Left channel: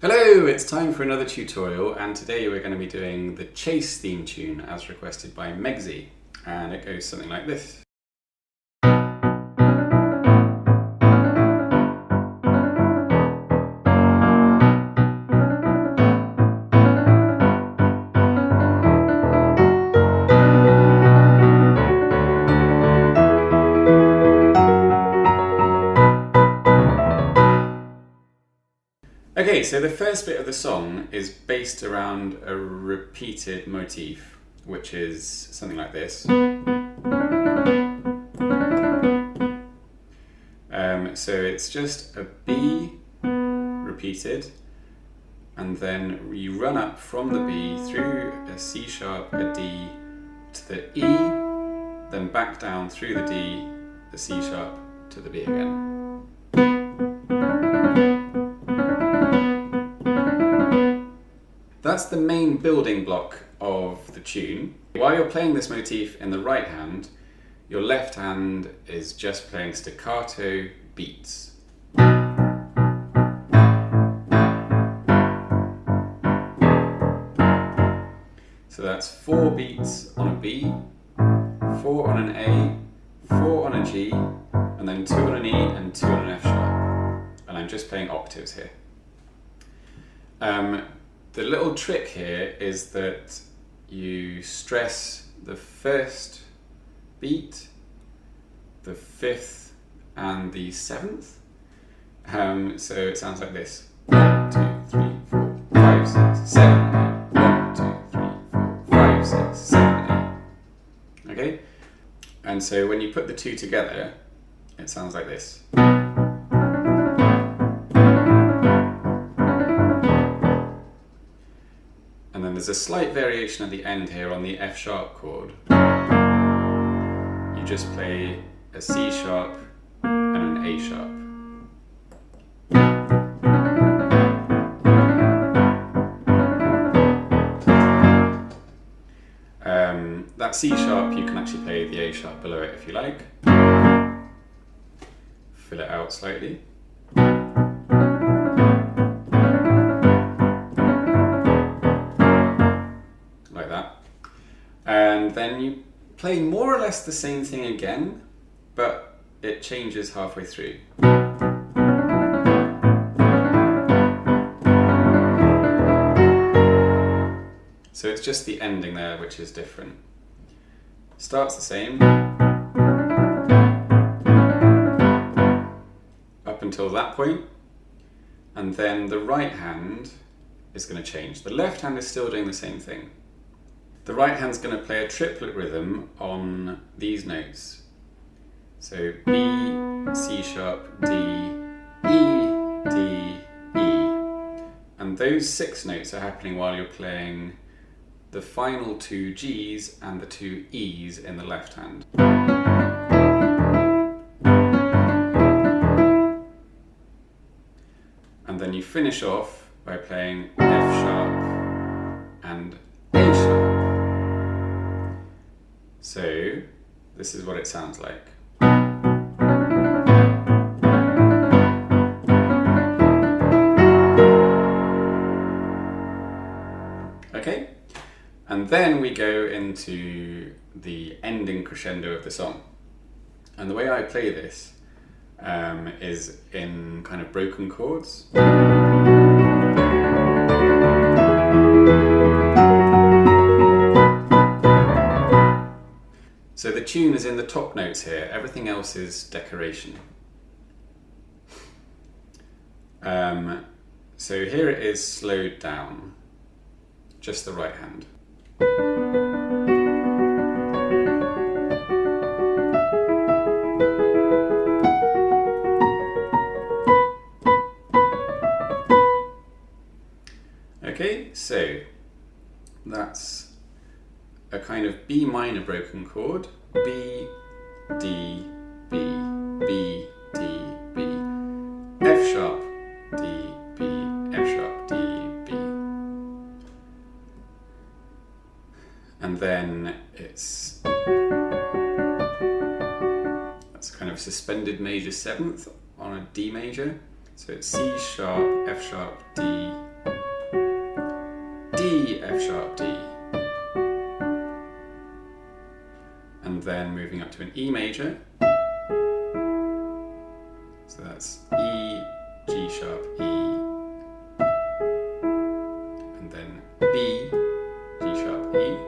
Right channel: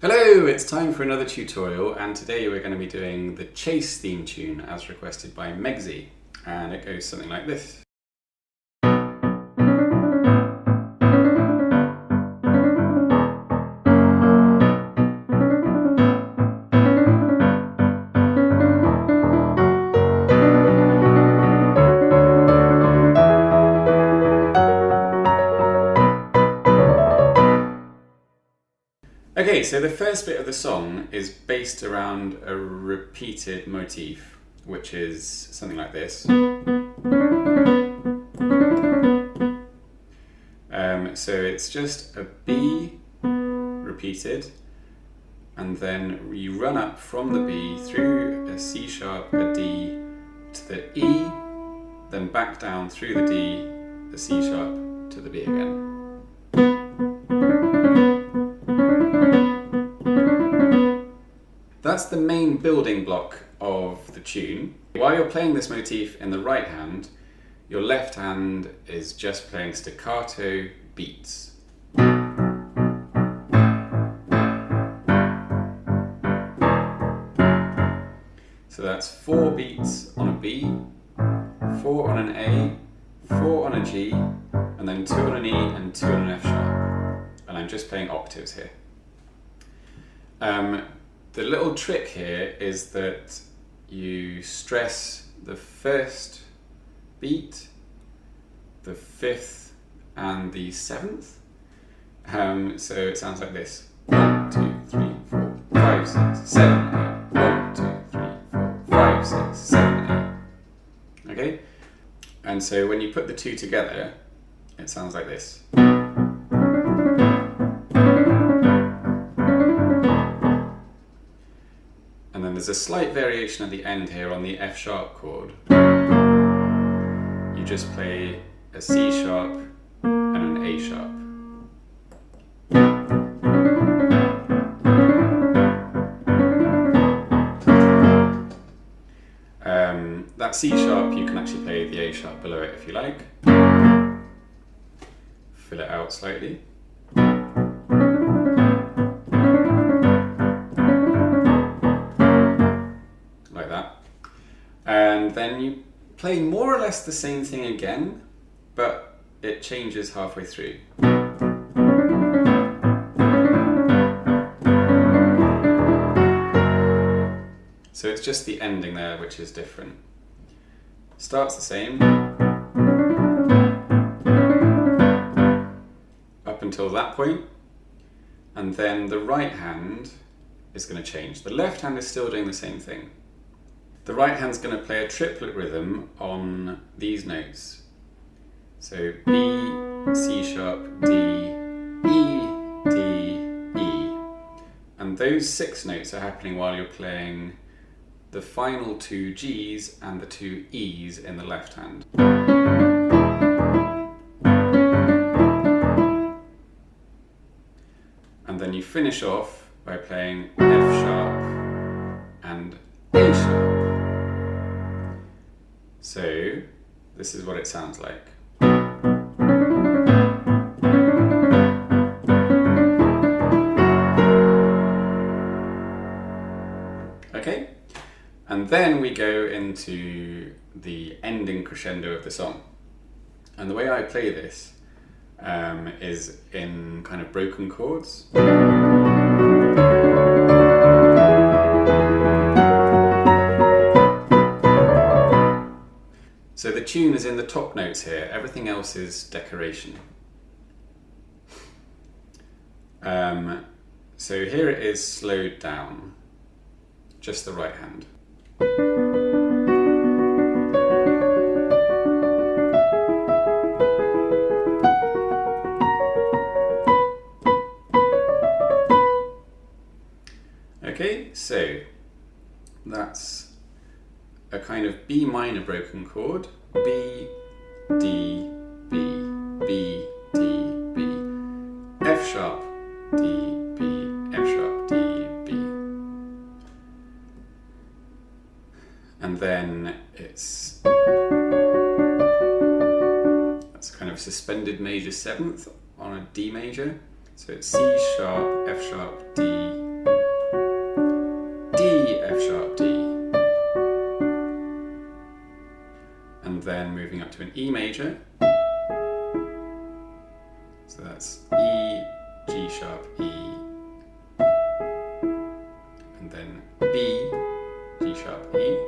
Hello, it's time for another tutorial, and today we're going to be doing the Chase theme tune as requested by Megsy, and it goes something like this. Okay, so the first bit of the song is based around a repeated motif, which is something like this. So it's just a B repeated, and then you run up from the B through a C sharp, a D, to the E, then back down through the D, the C sharp, to the B again. That's the main building block of the tune. While you're playing this motif in the right hand, your left hand is just playing staccato beats. So that's 4 beats on a B, 4 on an A, 4 on a G, and then 2 on an E and 2 on an F sharp. And I'm just playing octaves here. The little trick here is that you stress the first beat, the 5th, and the 7th. So it sounds like this: 1, 2, 3, 4, 5, 6, 7, 8. 1, 2, 3, 4, 5, 6, 7, 8. Okay? And so when you put the two together, it sounds like this. And then there's a slight variation at the end here on the F sharp chord. You just play a C sharp and an A sharp. That C sharp, you can actually play the A sharp below it if you like. Fill it out slightly. And then you play more or less the same thing again, but it changes halfway through. So it's just the ending there which is different. Starts the same up until that point, and then the right hand is going to change. The left hand is still doing the same thing. The right hand's going to play a triplet rhythm on these notes. So B, C sharp, D, E, D, E. And those 6 notes are happening while you're playing the final 2 Gs and the 2 Es in the left hand. And then you finish off by playing F sharp and A sharp. So, this is what it sounds like. Okay, and then we go into the ending crescendo of the song. And the way I play this is in kind of broken chords. So the tune is in the top notes here, everything else is decoration. So here it is slowed down, just the right hand. Okay, so that's a kind of B minor broken chord, B, D, B, B, D, B, F sharp, D, B, F sharp, D, B. And then it's that's kind of suspended major 7th on a D major. So it's C sharp, F sharp, D, F sharp D. And then moving up to an E major. So that's E, G sharp, E, and then B, G sharp, E,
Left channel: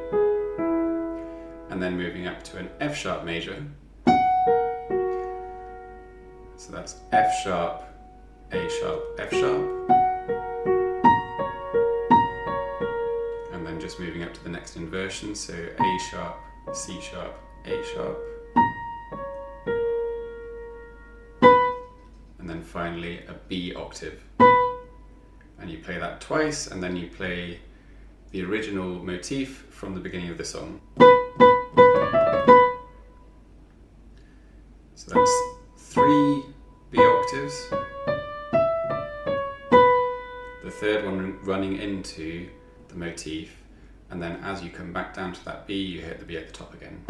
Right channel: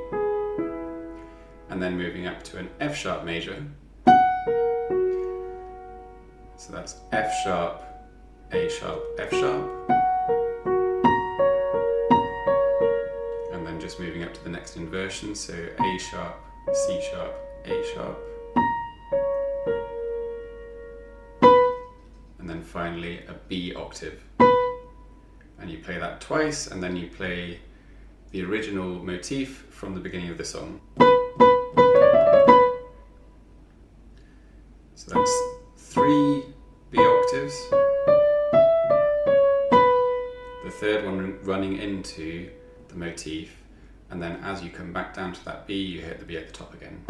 and then moving up to an F sharp major. So that's F sharp, A sharp, F sharp, and then just moving up to the next inversion, so A sharp, C sharp, A sharp, and then finally a B octave. And you play that twice, and then you play the original motif from the beginning of the song. So that's 3 B octaves, the third one running into the motif, and then as you come back down to that B, you hit the B at the top again.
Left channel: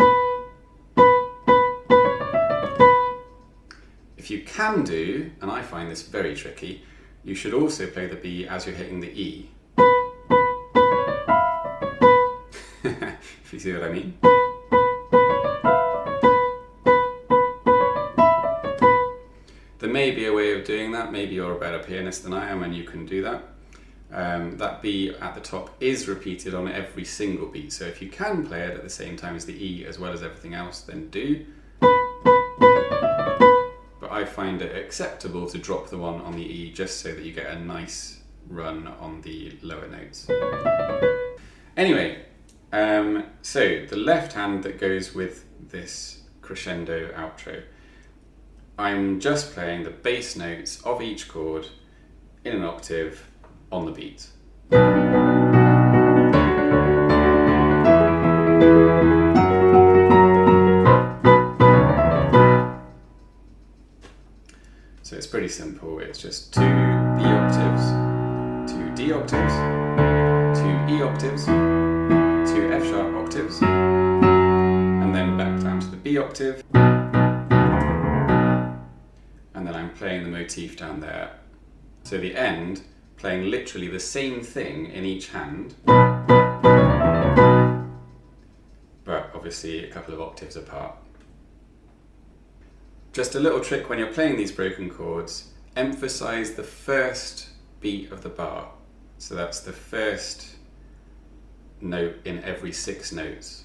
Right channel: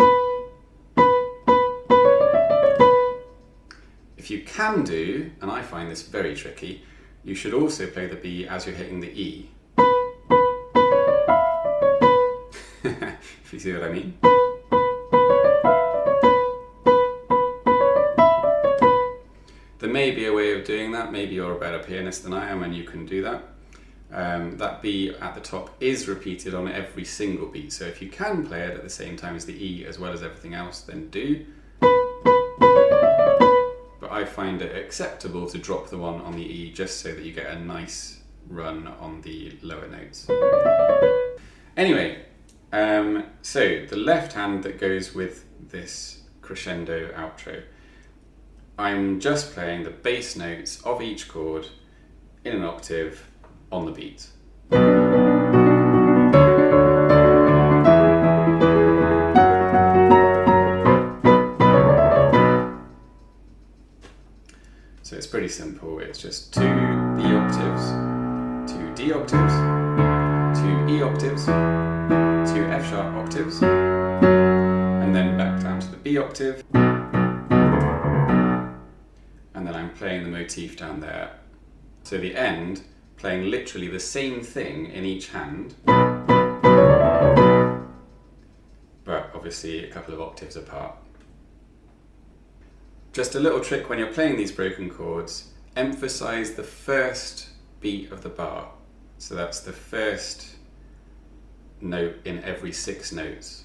If you can do, and I find this very tricky, you should also play the B as you're hitting the E. If you see what I mean. There may be a way of doing that, maybe you're a better pianist than I am and you can do that. That B at the top is repeated on every single beat, so if you can play it at the same time as the E as well as everything else, then do. But I find it acceptable to drop the one on the E just so that you get a nice run on the lower notes. Anyway, so the left hand that goes with this crescendo outro, I'm just playing the bass notes of each chord in an octave on the beat. So it's pretty simple, it's just 2 B octaves, 2 D octaves, 2 E octaves, 2 F sharp octaves, and then back down to the B octave, and then I'm playing the motif down there. So the end, playing literally the same thing in each hand, but obviously a couple of octaves apart. Just a little trick when you're playing these broken chords, emphasize the first beat of the bar. So that's the first note in every 6 notes.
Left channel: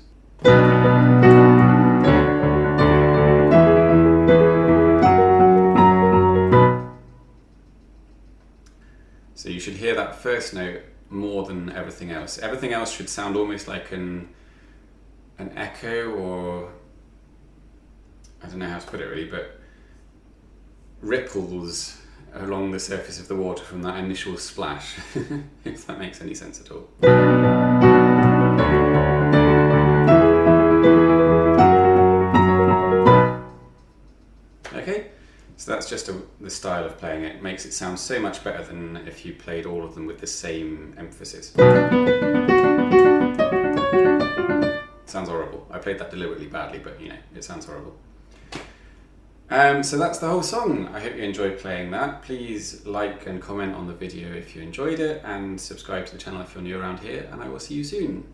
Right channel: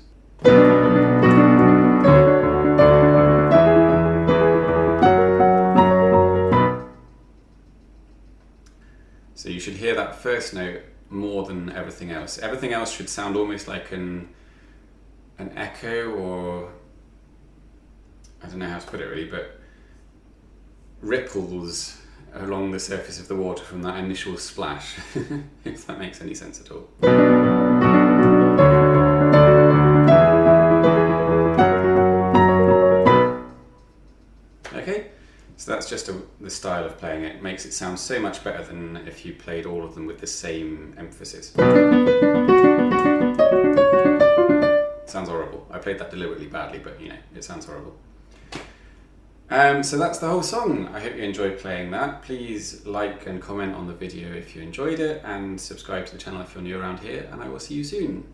So you should hear that first note more than everything else. Everything else should sound almost like an echo, or I don't know how to put it really, but ripples along the surface of the water from that initial splash, if that makes any sense at all. Okay, so that's just the style of playing it. It makes it sound so much better than if you played all of them with the same emphasis. Sounds horrible. I played that deliberately badly, but you know, it sounds horrible. So that's the whole song. I hope you enjoyed playing that. Please like and comment on the video if you enjoyed it, and subscribe to the channel if you're new around here, and I will see you soon.